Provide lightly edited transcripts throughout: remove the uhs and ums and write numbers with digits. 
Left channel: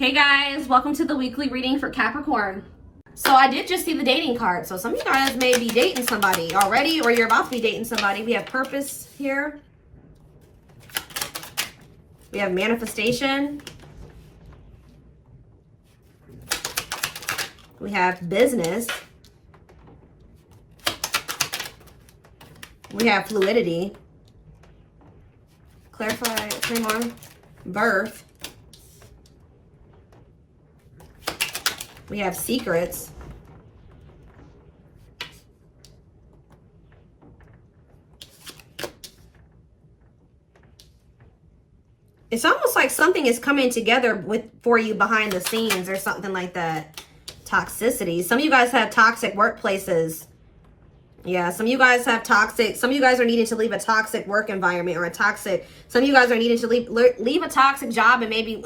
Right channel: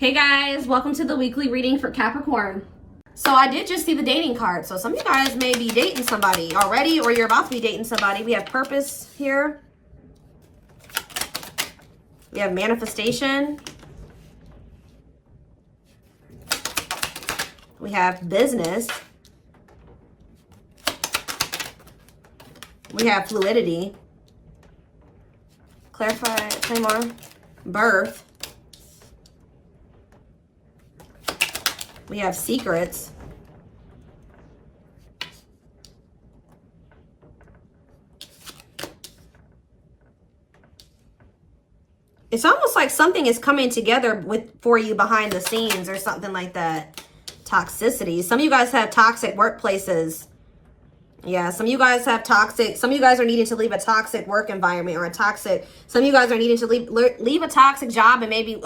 Hey guys, welcome to the weekly reading for Capricorn. So I did just see the dating card. So some of you guys may be dating somebody already, or you're about to be dating somebody. We have purpose here. We have manifestation. We have business. We have fluidity. Clarify, timeline, birth. We have secrets. It's almost like something is coming together for you behind the scenes or something like that. Toxicity. Some of you guys have toxic workplaces. Yeah, some of you guys have toxic. Some of you guys are needing to leave a toxic work environment or a toxic. Some of you guys are needing to leave a toxic job and maybe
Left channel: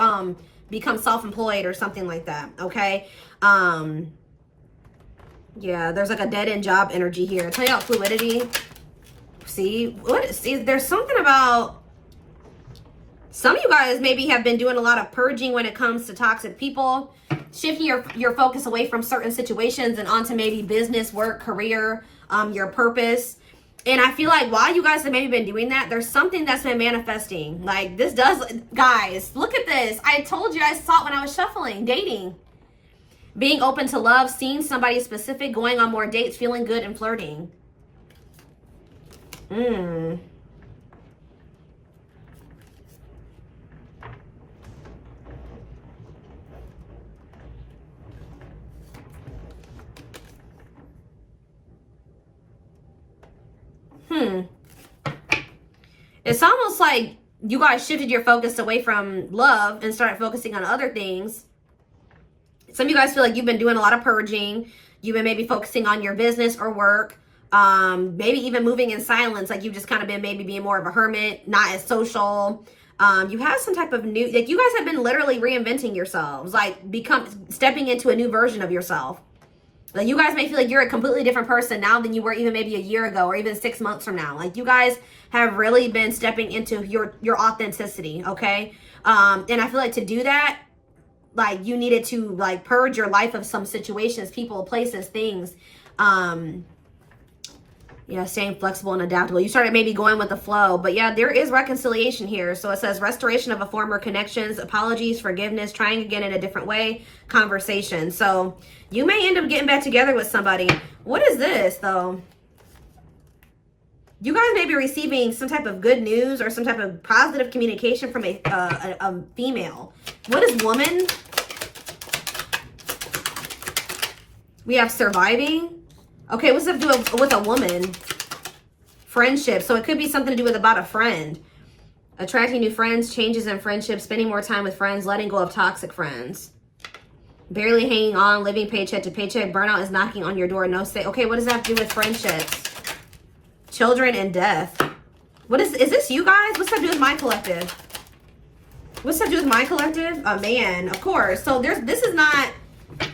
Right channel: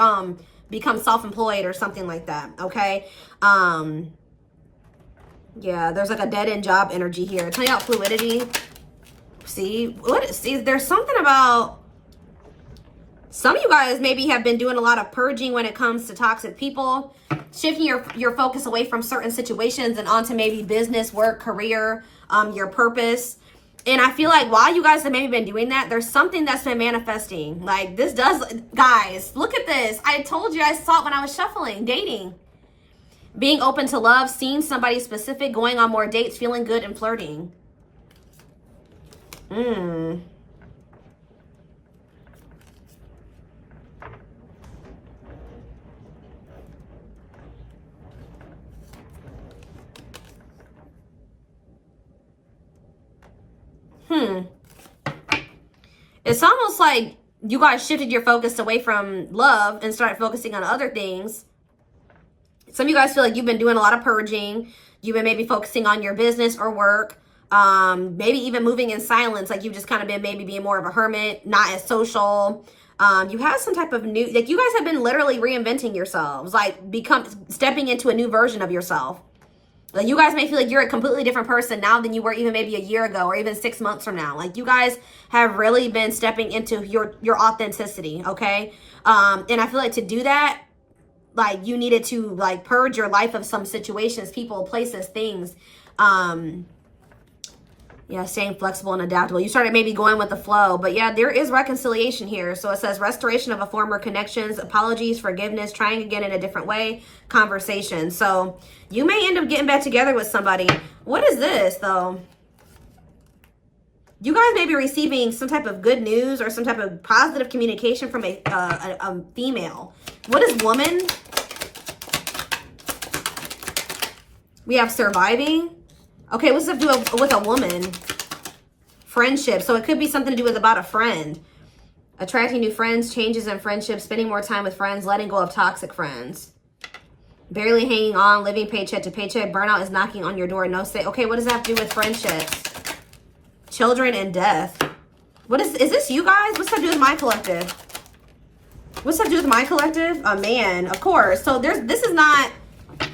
become self-employed or something like that. Okay. Yeah, there's like a dead-end job energy here. Tell you about fluidity. See, there's something about some of you guys maybe have been doing a lot of purging when it comes to toxic people, shifting your focus away from certain situations and onto maybe business, work, career, your purpose. And I feel like while you guys have maybe been doing that, there's something that's been manifesting. Like this does, guys, look at this. I told you, I saw it when I was shuffling, dating. Being open to love, seeing somebody specific, going on more dates, feeling good and flirting. It's almost like you guys shifted your focus away from love and started focusing on other things. Some of you guys feel like you've been doing a lot of purging. You've been maybe focusing on your business or work. Maybe even moving in silence. Like you've just kind of been maybe being more of a hermit, not as social. You have some type of new, like you guys have been literally reinventing yourselves. Like stepping into a new version of yourself. Like you guys may feel like you're a completely different person now than you were even maybe a year ago or even 6 months from now. Like you guys have really been stepping into your authenticity, okay? And I feel like to do that, like you needed to like purge your life of some situations, people, places, things. Yeah, staying flexible and adaptable. You started maybe going with the flow, but yeah, there is reconciliation here. So it says restoration of a former connections, apologies, forgiveness, trying again in a different way, conversation. So you may end up getting back together with somebody. What is this though? You guys may be receiving some type of good news or some type of positive communication from a female. What is woman? We have surviving. Okay, what's up with a woman? Friendship. So it could be something to do with about a friend. Attracting new friends, changes in friendships, spending more time with friends, letting go of toxic friends. Barely hanging on, living paycheck to paycheck. Burnout is knocking on your door. No say. Okay, what does that have to do with friendships? Children and death. What is this you guys? What's that do with my collective? What's that do with my collective? A man, of course. So this is not,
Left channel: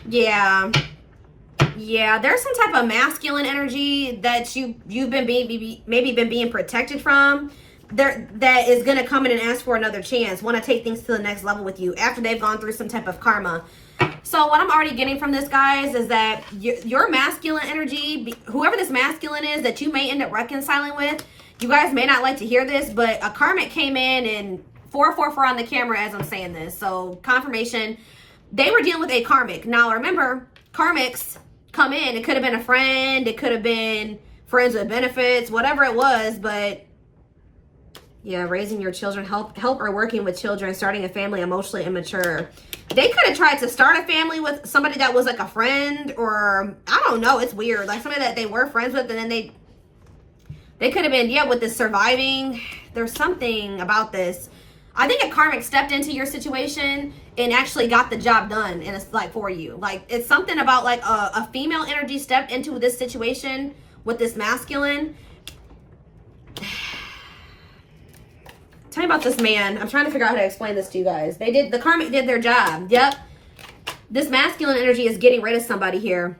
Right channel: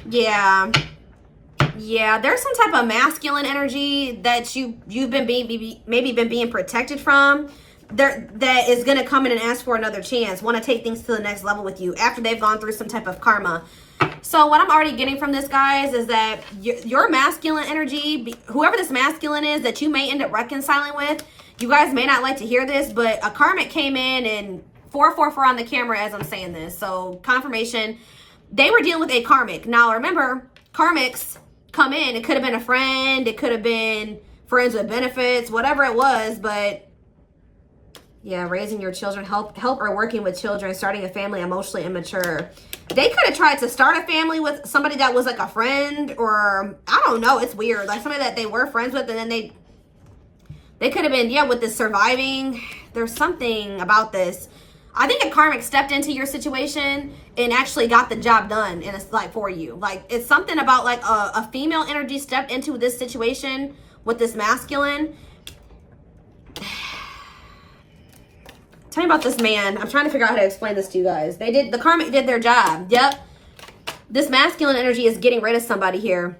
yeah, there's some type of masculine energy that you've been maybe being protected from. That is gonna come in and ask for another chance, want to take things to the next level with you after they've gone through some type of karma. So what I'm already getting from this, guys, is that your masculine energy, whoever this masculine is that you may end up reconciling with, you guys may not like to hear this, but a karmic came in and 444 on the camera as I'm saying this. So confirmation, they were dealing with a karmic. Now remember, karmics come in. It could have been a friend. It could have been friends with benefits, whatever it was. But yeah, raising your children, help or working with children, starting a family, emotionally immature. They could have tried to start a family with somebody that was like a friend, or I don't know. It's weird. Like somebody that they were friends with, and then they could have been, yeah, with the surviving. There's something about this. I think a karmic stepped into your situation and actually got the job done, and it's like for you. Like it's something about like a female energy stepped into this situation with this masculine. Tell me about this man. I'm trying to figure out how to explain this to you guys. The karmic did their job. Yep. This masculine energy is getting rid of somebody here.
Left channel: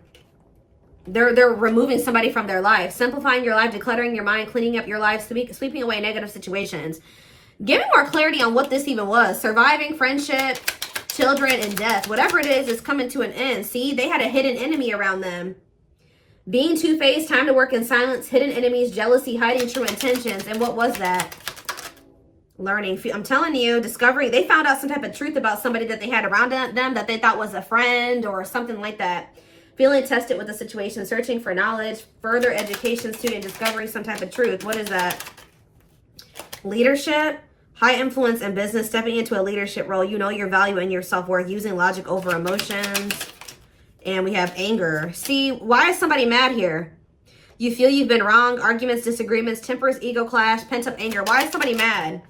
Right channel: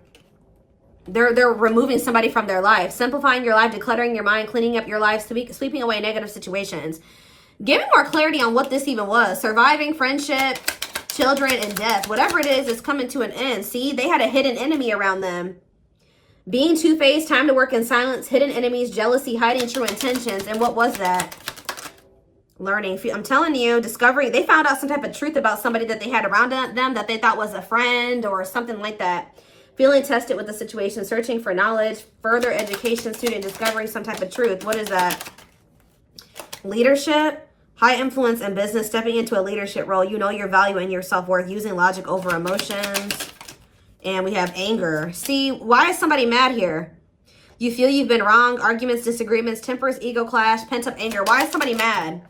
They're removing somebody from their life, simplifying your life, decluttering your mind, cleaning up your life, sweeping away negative situations. Give me more clarity on what this even was. Surviving, friendship, children and death. Whatever it is coming to an end. See, they had a hidden enemy around them. Being two-faced, time to work in silence, hidden enemies, jealousy, hiding true intentions. And what was that? Learning. I'm telling you, discovery. They found out some type of truth about somebody that they had around them that they thought was a friend or something like that. Feeling tested with the situation, searching for knowledge, further education, student discovery, some type of truth. What is that? Leadership, high influence in business, stepping into a leadership role. You know your value and your self-worth, using logic over emotions. And we have anger. See, why is somebody mad here? You feel you've been wrong, arguments, disagreements, tempers, ego clash, pent-up anger. Why is somebody mad?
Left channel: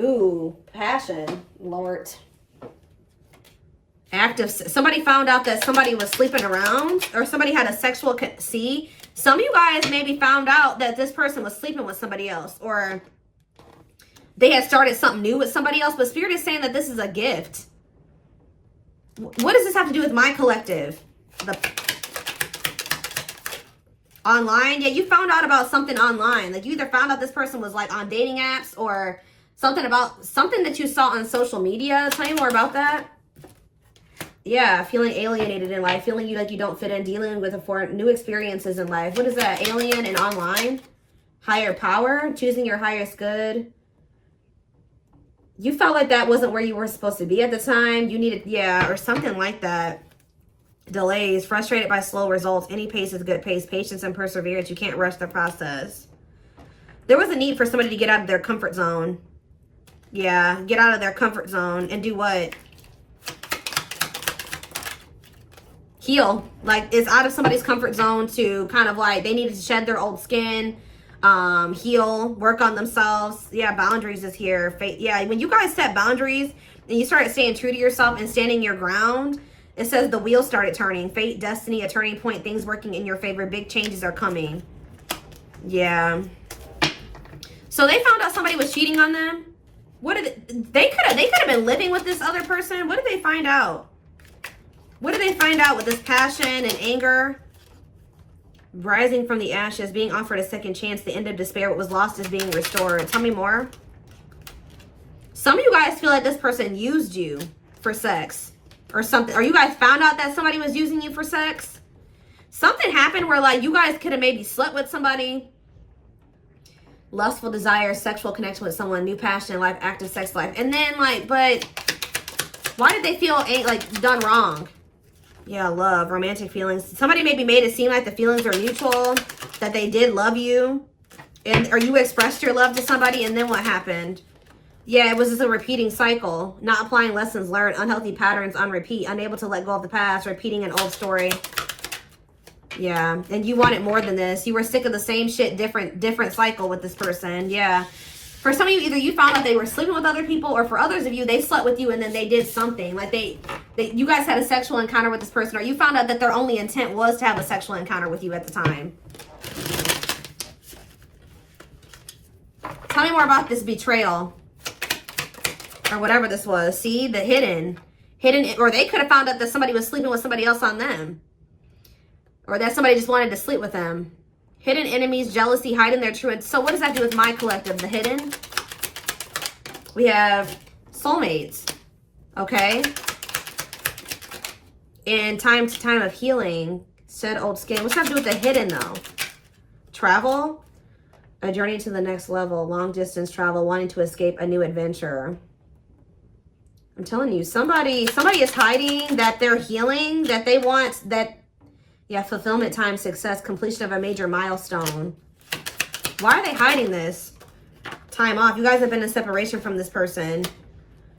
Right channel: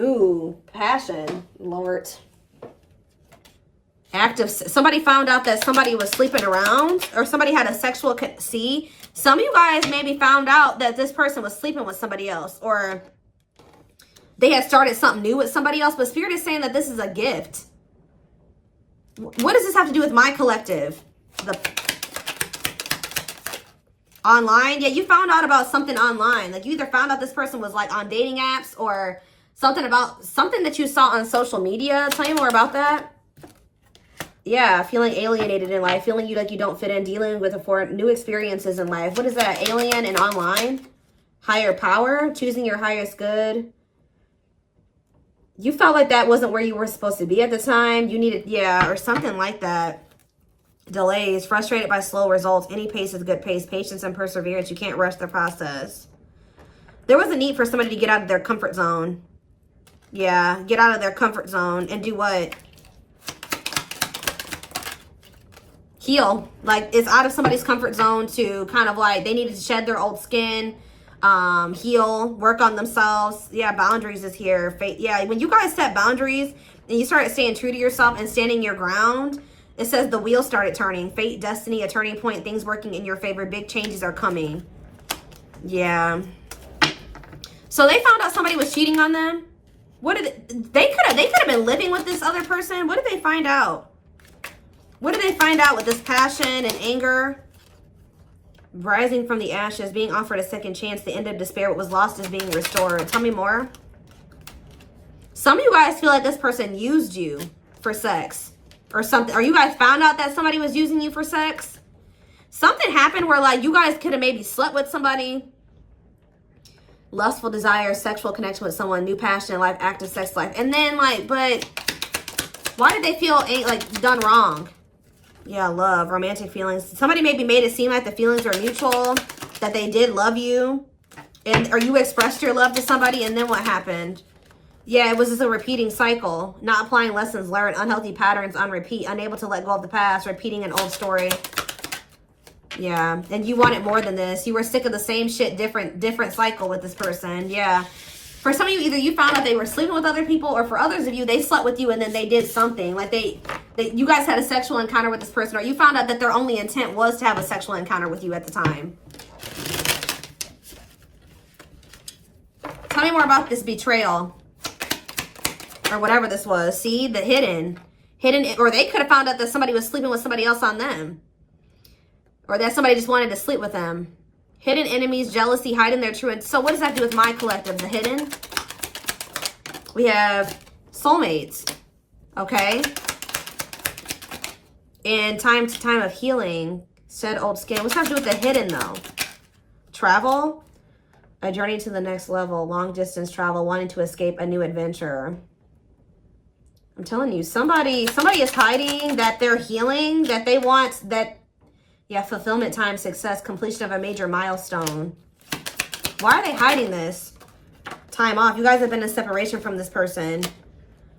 Ooh, passion, Lord. Active. Somebody found out that somebody was sleeping around, or somebody had a sexual. See, some of you guys maybe found out that this person was sleeping with somebody else, or they had started something new with somebody else. But Spirit is saying that this is a gift. What does this have to do with my collective? The online. Yeah, you found out about something online. Like you either found out this person was like on dating apps, or something about something that you saw on social media. Tell me more about that. Yeah, feeling alienated in life, feeling like you don't fit in, dealing with new experiences in life. What is that? Alien and online? Higher power, choosing your highest good. You felt like that wasn't where you were supposed to be at the time. You needed, yeah, or something like that. Delays, frustrated by slow results. Any pace is good pace. Patience and perseverance. You can't rush the process. There was a need for somebody to get out of their comfort zone. Yeah, get out of their comfort zone and do what? Heal. Like, it's out of somebody's comfort zone to kind of like, they needed to shed their old skin, heal, work on themselves. Yeah, boundaries is here. Yeah, when you guys set boundaries and you start staying true to yourself and standing your ground, it says the wheel started turning. Fate, destiny, a turning point, things working in your favor. Big changes are coming. Yeah. So they found out somebody was cheating on them. What did they could have been living with this other person. What did they find out? What did they find out with this passion and anger? Rising from the ashes, being offered a second chance, the end of despair, what was lost is being restored. Tell me more. Some of you guys feel like this person used you for sex or something. Or you guys found out that somebody was using you for sex. Something happened where like you guys could have maybe slept with somebody. Lustful desire, sexual connection with someone, new passion in life, active sex life. And then like, but why did they feel like done wrong? Yeah, love, romantic feelings. Somebody maybe made it seem like the feelings are mutual, that they did love you, or you expressed your love to somebody, and then what happened? Yeah, it was just a repeating cycle. Not applying lessons learned, unhealthy patterns on repeat, unable to let go of the past, repeating an old story. Yeah, and you wanted more than this. You were sick of the same shit, different cycle with this person. Yeah. For some of you, either you found out they were sleeping with other people, or for others of you, they slept with you and then they did something. Like you guys had a sexual encounter with this person, or you found out that their only intent was to have a sexual encounter with you at the time. Tell me more about this betrayal. Or whatever this was. See, the hidden, or they could have found out that somebody was sleeping with somebody else on them. Or that somebody just wanted to sleep with them. Hidden enemies, jealousy, hiding their true. So what does that do with my collective? The hidden. We have soulmates. Okay. And time to time of healing. Shed old skin. What's that do with the hidden though? Travel. A journey to the next level. Long distance travel. Wanting to escape a new adventure. I'm telling you, somebody is hiding that they're healing, that they want that. Yeah, fulfillment, time, success, completion of a major milestone. Why are they hiding this? Time off. You guys have been in separation from this person.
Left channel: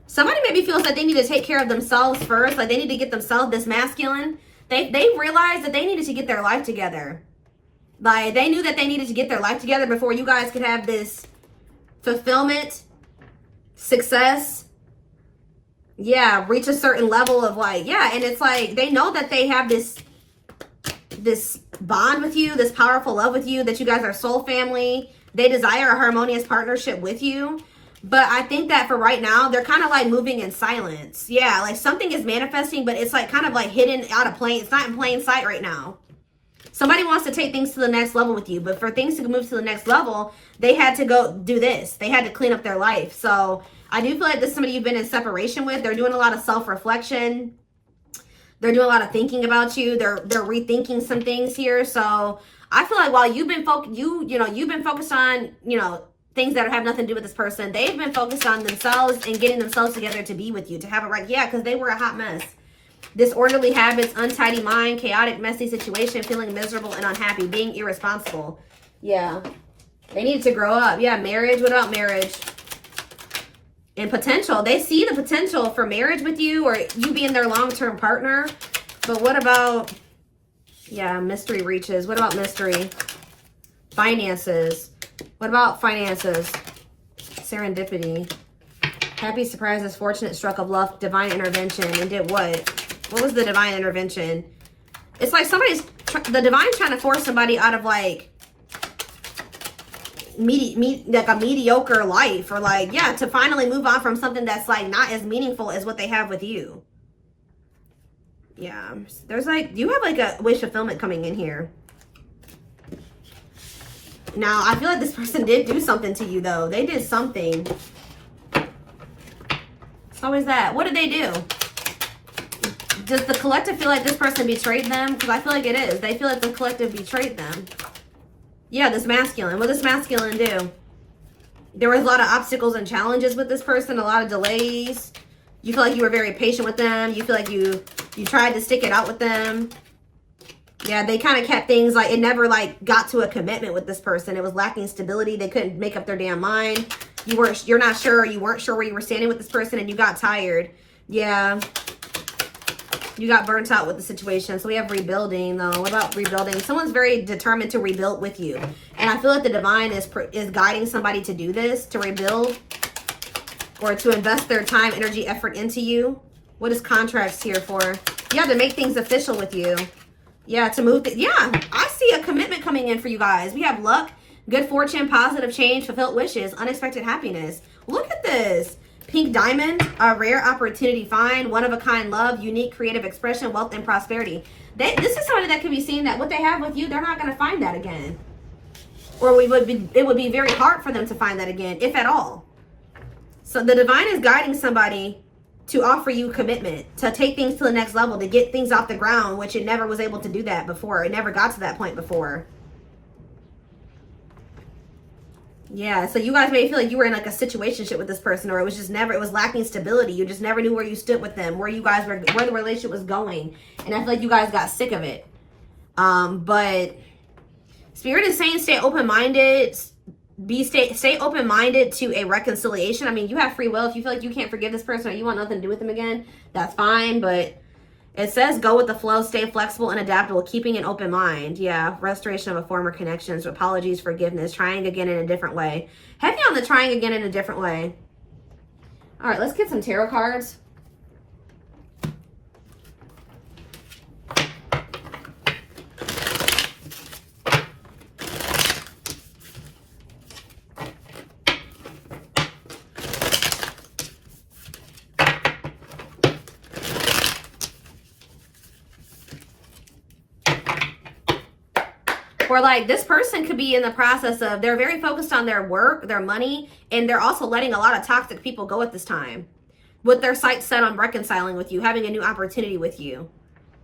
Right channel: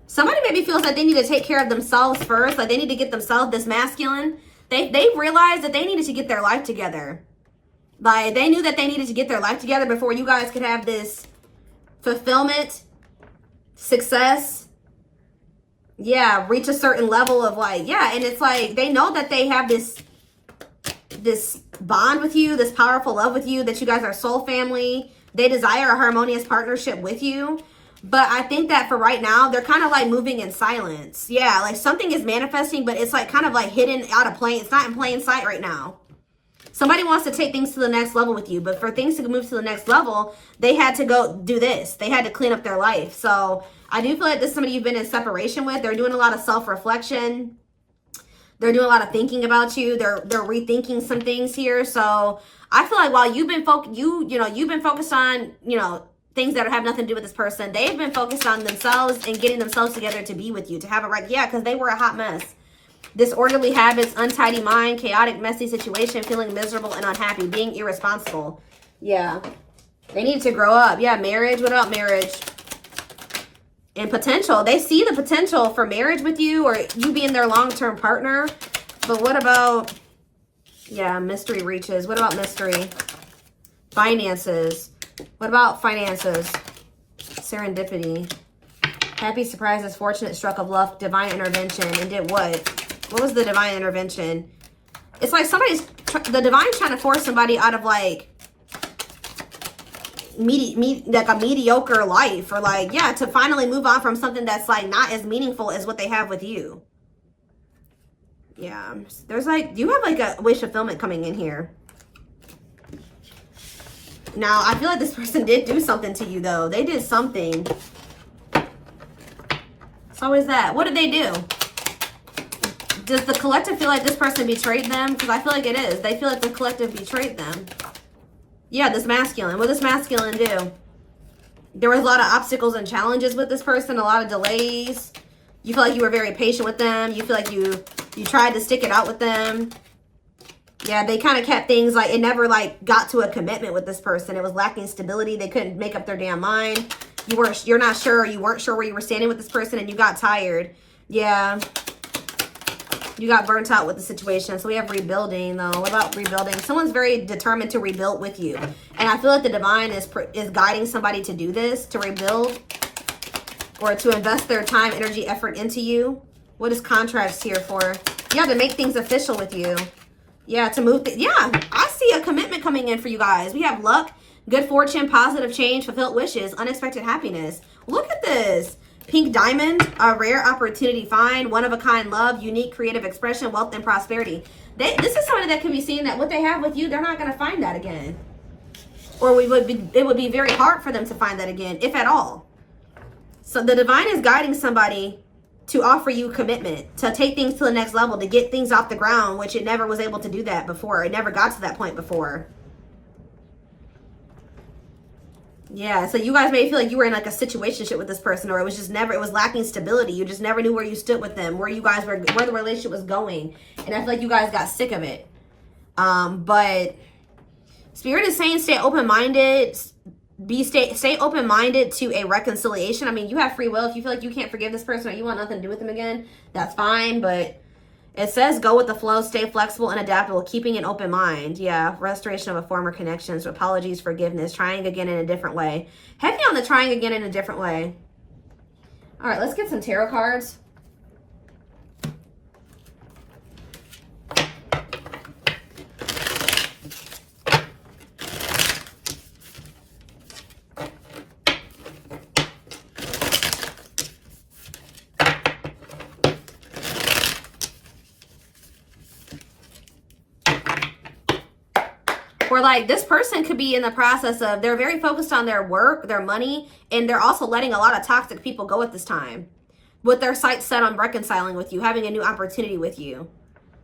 Somebody maybe feels like they need to take care of themselves first. Like they need to get themselves this masculine. They realized that they needed to get their life together. Like they knew that they needed to get their life together before you guys could have this fulfillment, success. Yeah, reach a certain level of like, yeah. And it's like they know that they have this bond with you, this powerful love with you, that you guys are soul family. They desire a harmonious partnership with you. But I think that for right now, they're kind of like moving in silence. Yeah, like something is manifesting, but it's like kind of like hidden out of plain. It's not in plain sight right now. Somebody wants to take things to the next level with you. But for things to move to the next level, they had to go do this. They had to clean up their life. So I do feel like this is somebody you've been in separation with. They're doing a lot of self-reflection. They're doing a lot of thinking about you. They're rethinking some things here. So I feel like while you've been you've been focused on, things that have nothing to do with this person, they've been focused on themselves and getting themselves together to be with you, to have it right. Yeah, because they were a hot mess. Disorderly habits, untidy mind, chaotic, messy situation, feeling miserable and unhappy, being irresponsible. Yeah. They need to grow up. Yeah, marriage. What about marriage? And potential. They see the potential for marriage with you or you being their long-term partner. But what about, yeah, mystery reaches. What about mystery? Finances. What about finances? Serendipity. Happy surprises, fortunate stroke of luck, divine intervention. And did what? What was the divine intervention? It's like the divine's trying to force somebody out of like a mediocre life, or like, yeah, to finally move on from something that's like not as meaningful as what they have with you. Yeah, there's like, you have like a wish fulfillment coming in here. Now, I feel like this person did do something to you though. They did something. So is that? What did they do? Does the collective feel like this person betrayed them? Because I feel like it is. They feel like the collective betrayed them. Yeah, this masculine. What does masculine do? There was a lot of obstacles and challenges with this person, a lot of delays. You feel like you were very patient with them. You feel like you tried to stick it out with them. Yeah, they kind of kept things like, it never like got to a commitment with this person. It was lacking stability. They couldn't make up their damn mind. You're not sure. You weren't sure where you were standing with this person and you got tired. Yeah. You got burnt out with the situation. So we have rebuilding though. What about rebuilding? Someone's very determined to rebuild with you. And I feel like the divine is guiding somebody to do this, to rebuild or to invest their time, energy, effort into you. What is contracts here for? Yeah, to make things official with you. Yeah, to move. Yeah, I see a commitment coming in for you guys. We have luck, good fortune, positive change, fulfilled wishes, unexpected happiness. Look at this. Pink diamond, a rare opportunity find, one-of-a-kind love, unique creative expression, wealth, and prosperity. This is somebody that could be seeing that what they have with you, they're not going to find that again. Or it would be very hard for them to find that again, if at all. So the divine is guiding somebody to offer you commitment, to take things to the next level, to get things off the ground, which it never was able to do that before. It never got to that point before. Yeah, so you guys may feel like you were in like a situationship with this person, or it was just never, it was lacking stability. You just never knew where you stood with them, where you guys were, where the relationship was going. And I feel like you guys got sick of it. But Spirit is saying stay open-minded. Stay open-minded to a reconciliation. I mean, you have free will. If you feel like you can't forgive this person or you want nothing to do with them again, that's fine. But it says go with the flow, stay flexible and adaptable, keeping an open mind. Yeah, restoration of a former connections, apologies, forgiveness, trying again in a different way. Heavy on the trying again in a different way. All right, let's get some tarot cards. Or like this person could be in the process of, they're very focused on their work, their money, and they're also letting a lot of toxic people go at this time. With their sights set on reconciling with you, having a new opportunity with you.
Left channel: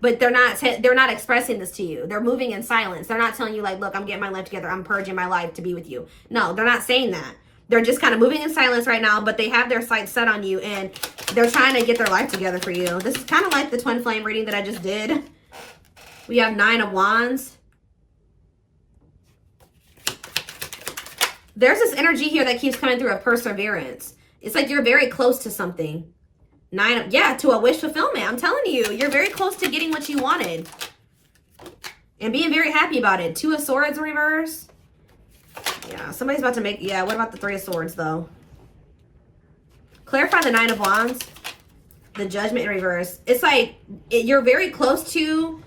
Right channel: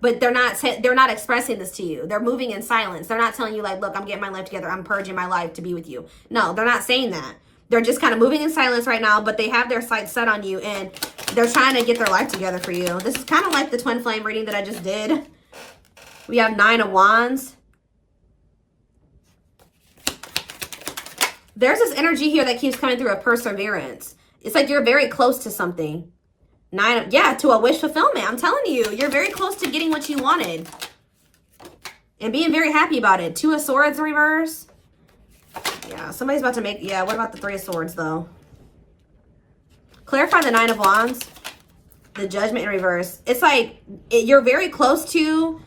But they're not expressing this to you. They're moving in silence. They're not telling you like, look, I'm getting my life together. I'm purging my life to be with you. No, they're not saying that. They're just kind of moving in silence right now, but they have their sights set on you and they're trying to get their life together for you. This is kind of like the twin flame reading that I just did. We have 9 of Wands. There's this energy here that keeps coming through of perseverance. It's like you're very close to something. To a wish fulfillment. I'm telling you, you're very close to getting what you wanted. And being very happy about it. 2 of Swords in reverse. Yeah, somebody's about to make, yeah, what about the 3 of Swords though? Clarify the 9 of Wands. The Judgment in reverse. It's like you're very close to,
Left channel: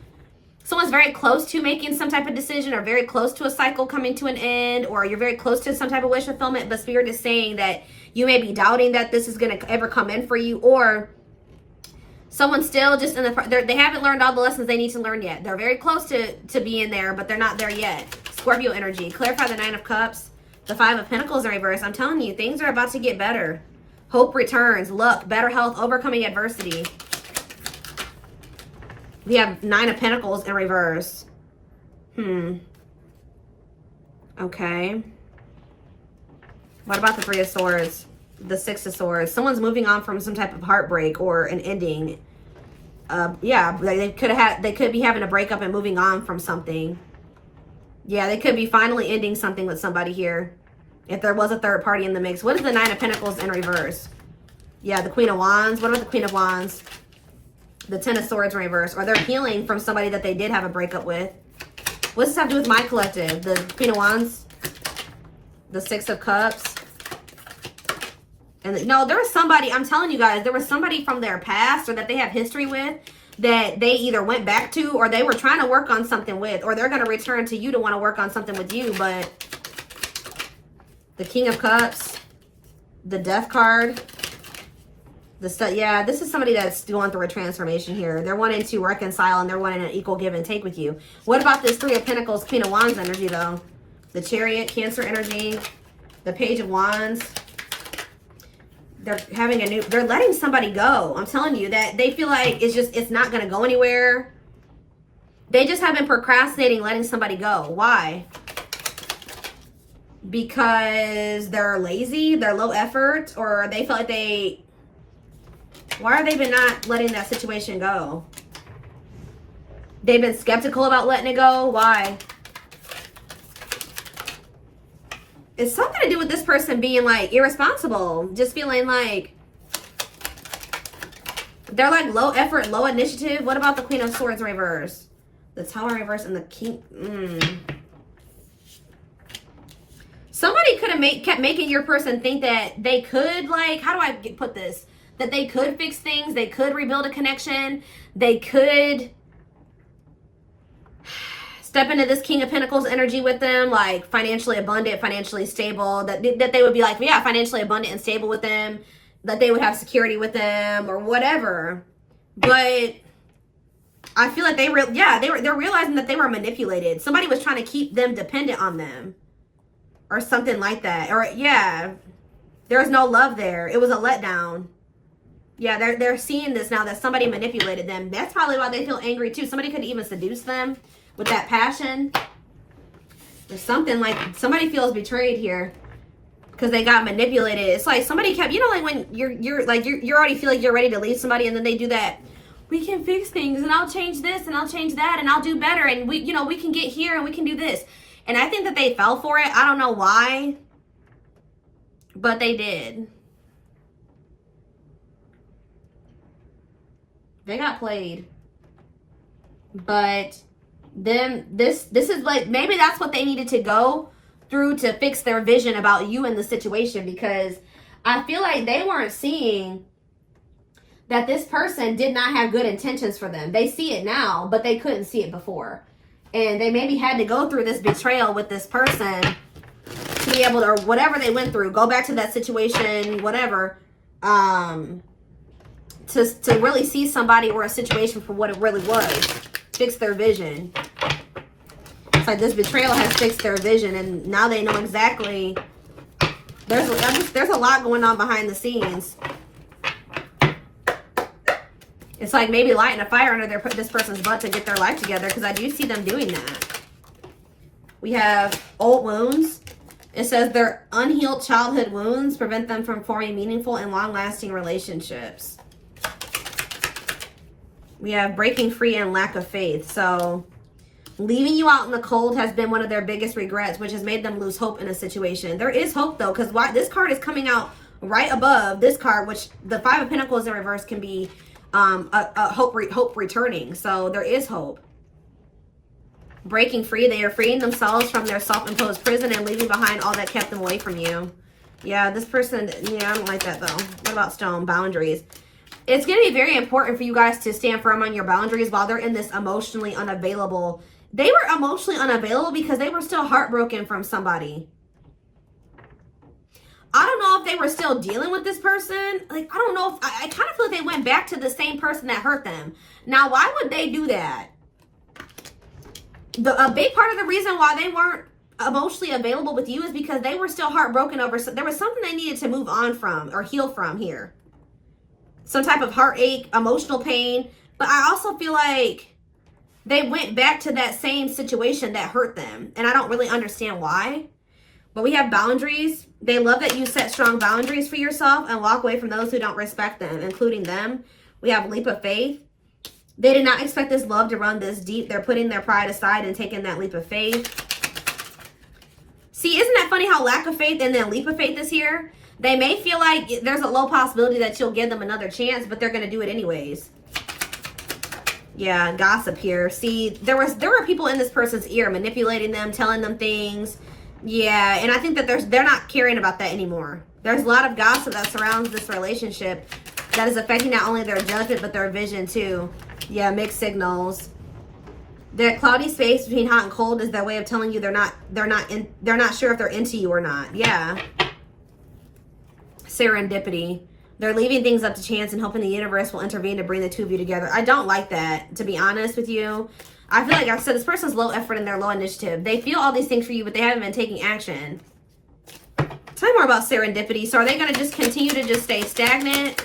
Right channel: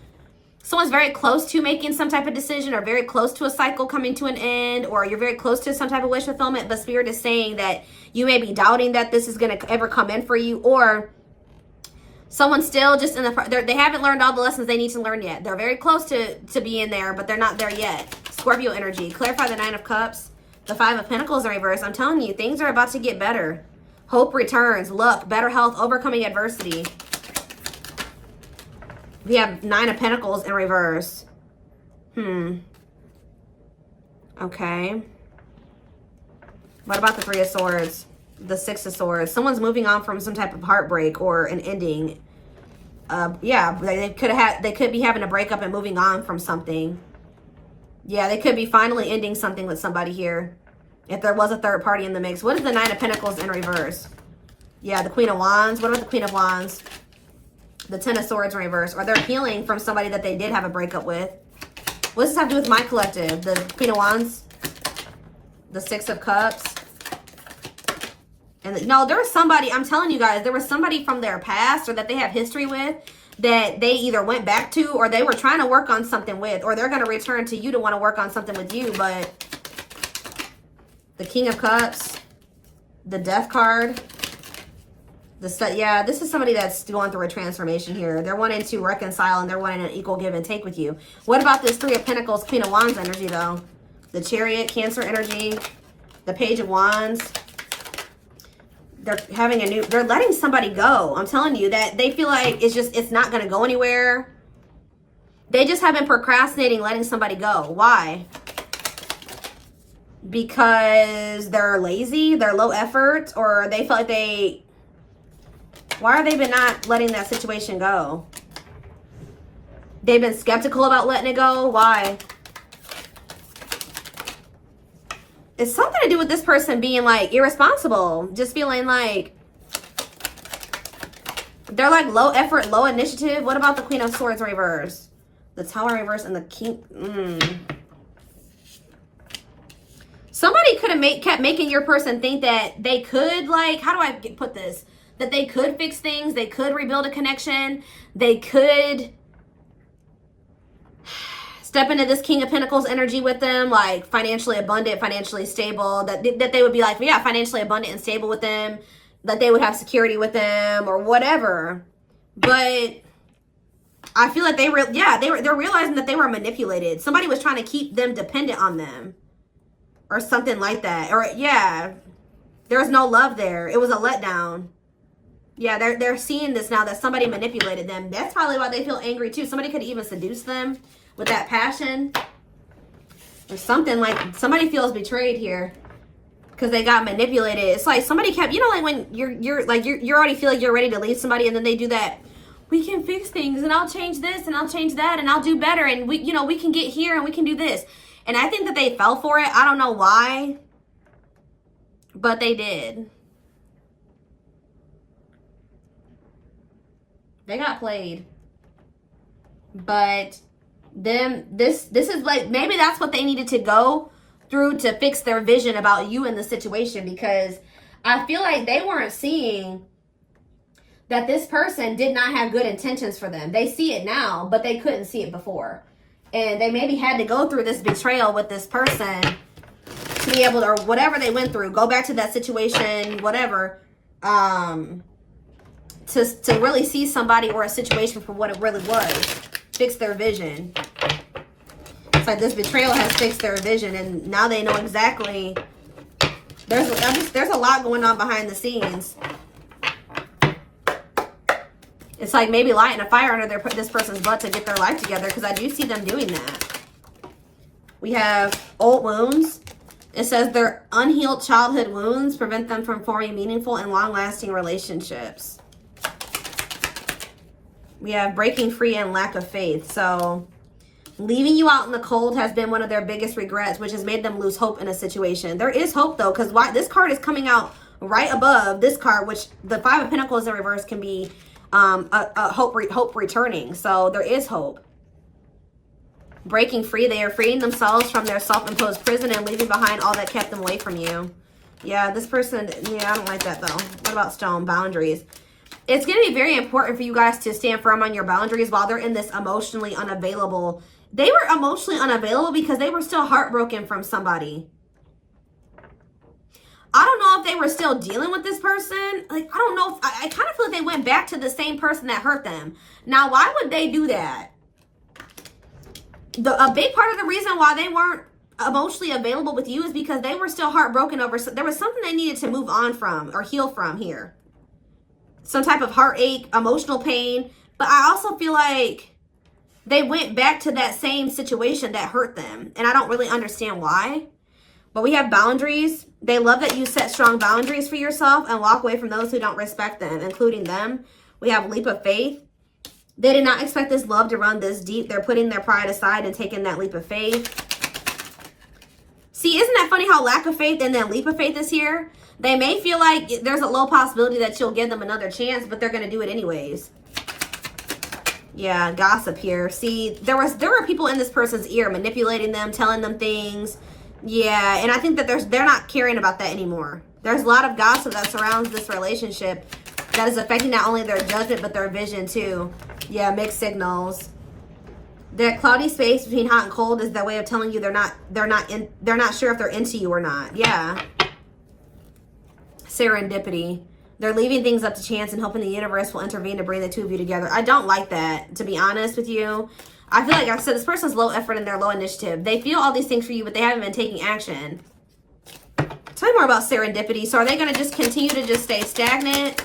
someone's very close to making some type of decision or very close to a cycle coming to an end, or you're very close to some type of wish fulfillment, but Spirit is saying that you may be doubting that this is going to ever come in for you, or someone's still just in the, they haven't learned all the lessons they need to learn yet. They're very close to being there, but they're not there yet. Scorpio energy. Clarify the 9 of Cups. The 5 of Pentacles in reverse. I'm telling you, things are about to get better. Hope returns. Luck. Better health. Overcoming adversity. We have 9 of Pentacles in reverse. Okay. What about the 3 of Swords? The 6 of Swords. Someone's moving on from some type of heartbreak or an ending. Yeah, they could be having a breakup and moving on from something. Yeah, they could be finally ending something with somebody here. If there was a third party in the mix. What is the 9 of Pentacles in reverse? Yeah, the Queen of Wands. What about the Queen of Wands? The 10 of Swords in reverse. Or they're healing from somebody that they did have a breakup with. What does this have to do with my collective? The Queen of Wands. The 6 of Cups. And no, there was somebody, I'm telling you guys, there was somebody from their past or that they have history with that they either went back to or they were trying to work on something with, or they're going to return to you to want to work on something with you. But the King of Cups, the Death card, yeah, this is somebody that's going through a transformation here. They're wanting to reconcile and they're wanting an equal give and take with you. What about this 3 of Pentacles, Queen of Wands energy though? The Chariot, Cancer energy, the Page of Wands. They're having they're letting somebody go. I'm telling you that they feel like it's not going to go anywhere. They just have been procrastinating letting somebody go. Why? Because they're lazy, they're low effort, or they feel like why are they been not letting that situation go? They've been skeptical about letting it go. Why? It's something to do with this person being like irresponsible, just feeling like they're like low effort, low initiative. What about the Queen of Swords reverse? The Tower reverse and the King. Somebody could have kept making your person think that they could, like, how do I put this? That they could fix things, they could rebuild a connection, they could step into this King of Pentacles energy with them, like financially abundant, financially stable, that they would be like, yeah, financially abundant and stable with them, that they would have security with them or whatever. But I feel like they're realizing that they were manipulated. Somebody was trying to keep them dependent on them or something like that. Or yeah, there was no love there. It was a letdown. Yeah, they're seeing this now that somebody manipulated them. That's probably why they feel angry too. Somebody could even seduce them with that passion or something. Like somebody feels betrayed here because they got manipulated. It's like somebody kept, you know, like when you already feel like you're ready to leave somebody and then they do that. We can fix things and I'll change this and I'll change that and I'll do better and we can get here and we can do this. And I think that they fell for it. I don't know why, but they did. They got played. But then this is like, maybe that's what they needed to go through to fix their vision about you in the situation, because I feel like they weren't seeing that this person did not have good intentions for them. They see it now, but they couldn't see it before. And they maybe had to go through this betrayal with this person to be able to, or whatever they went through, go back to that situation, whatever, to really see somebody or a situation for what it really was. Fix their vision. It's like this betrayal has fixed their vision, and now they know exactly. There's a lot going on behind the scenes. It's like maybe lighting a fire under this person's butt to get their life together, because I do see them doing that. We have old wounds. It says their unhealed childhood wounds prevent them from forming meaningful and long-lasting relationships. We have breaking free and lack of faith. So leaving you out in the cold has been one of their biggest regrets, which has made them lose hope in a situation. There is hope though, because this card is coming out right above this card, which the 5 of Pentacles in reverse can be hope returning. So there is hope. Breaking free, they are freeing themselves from their self-imposed prison and leaving behind all that kept them away from you. Yeah, this person, yeah, I don't like that though. What about stone? Boundaries. It's going to be very important for you guys to stand firm on your boundaries while they're in this emotionally unavailable. They were emotionally unavailable because they were still heartbroken from somebody. I don't know if they were still dealing with this person. Like, I don't know. I kind of feel like they went back to the same person that hurt them. Now, why would they do that? A big part of the reason why they weren't emotionally available with you is because they were still heartbroken over, there was something they needed to move on from or heal from here. Some type of heartache, emotional pain. But I also feel like they went back to that same situation that hurt them. And I don't really understand why. But we have boundaries. They love that you set strong boundaries for yourself and walk away from those who don't respect them, including them. We have leap of faith. They did not expect this love to run this deep. They're putting their pride aside and taking that leap of faith. See, isn't that funny how lack of faith and then leap of faith is here? They may feel like there's a low possibility that you'll give them another chance, but they're going to do it anyways. Yeah, gossip here. See, there were people in this person's ear manipulating them, telling them things. Yeah, and I think that they're not caring about that anymore. There's a lot of gossip that surrounds this relationship that is affecting not only their judgment but their vision too. Yeah, mixed signals. The cloudy space between hot and cold is their way of telling you they're not sure if they're into you or not. Yeah. Serendipity. They're leaving things up to chance and hoping the universe will intervene to bring the two of you together. I don't like that, to be honest with you. I feel like I said this person's low effort and they're low initiative. They feel all these things for you, but they haven't been taking action. Tell me more about serendipity. So are they going to just continue to just stay stagnant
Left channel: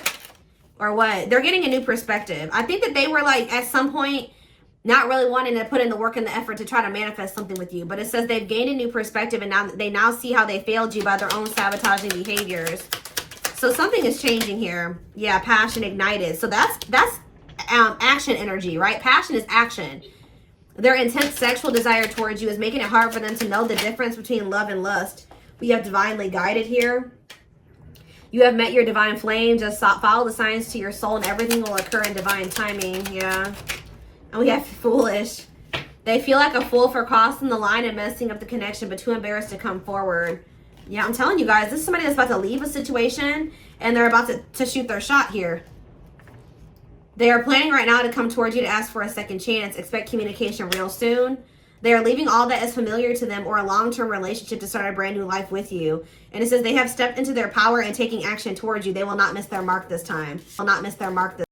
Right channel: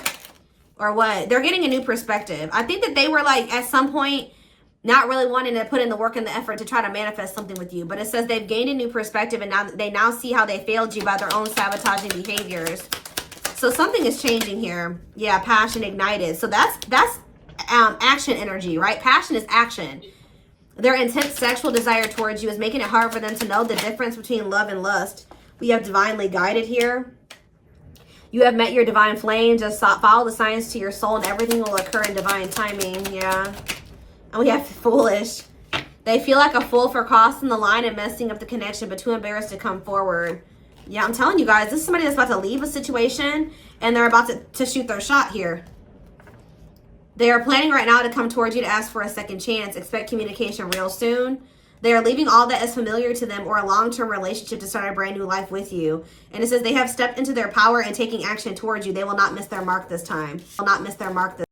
or what? They're getting a new perspective. I think that they were like at some point not really wanting to put in the work and the effort to try to manifest something with you. But it says they've gained a new perspective and now they now see how they failed you by their own sabotaging behaviors. So something is changing here. Yeah, passion ignited. So that's action energy, right? Passion is action. Their intense sexual desire towards you is making it hard for them to know the difference between love and lust. We have divinely guided here. You have met your divine flame. Just follow the signs to your soul and everything will occur in divine timing. Yeah. And we have foolish. They feel like a fool for crossing the line and messing up the connection, but too embarrassed to come forward. Yeah, I'm telling you guys, this is somebody that's about to leave a situation and they're about to shoot their shot here. They are planning right now to come towards you to ask for a second chance. Expect communication real soon. They are leaving all that is familiar to them or a long-term relationship to start a brand new life with you. And it says they have stepped into their power and taking action towards you. They will not miss their mark this time. Will not miss their mark this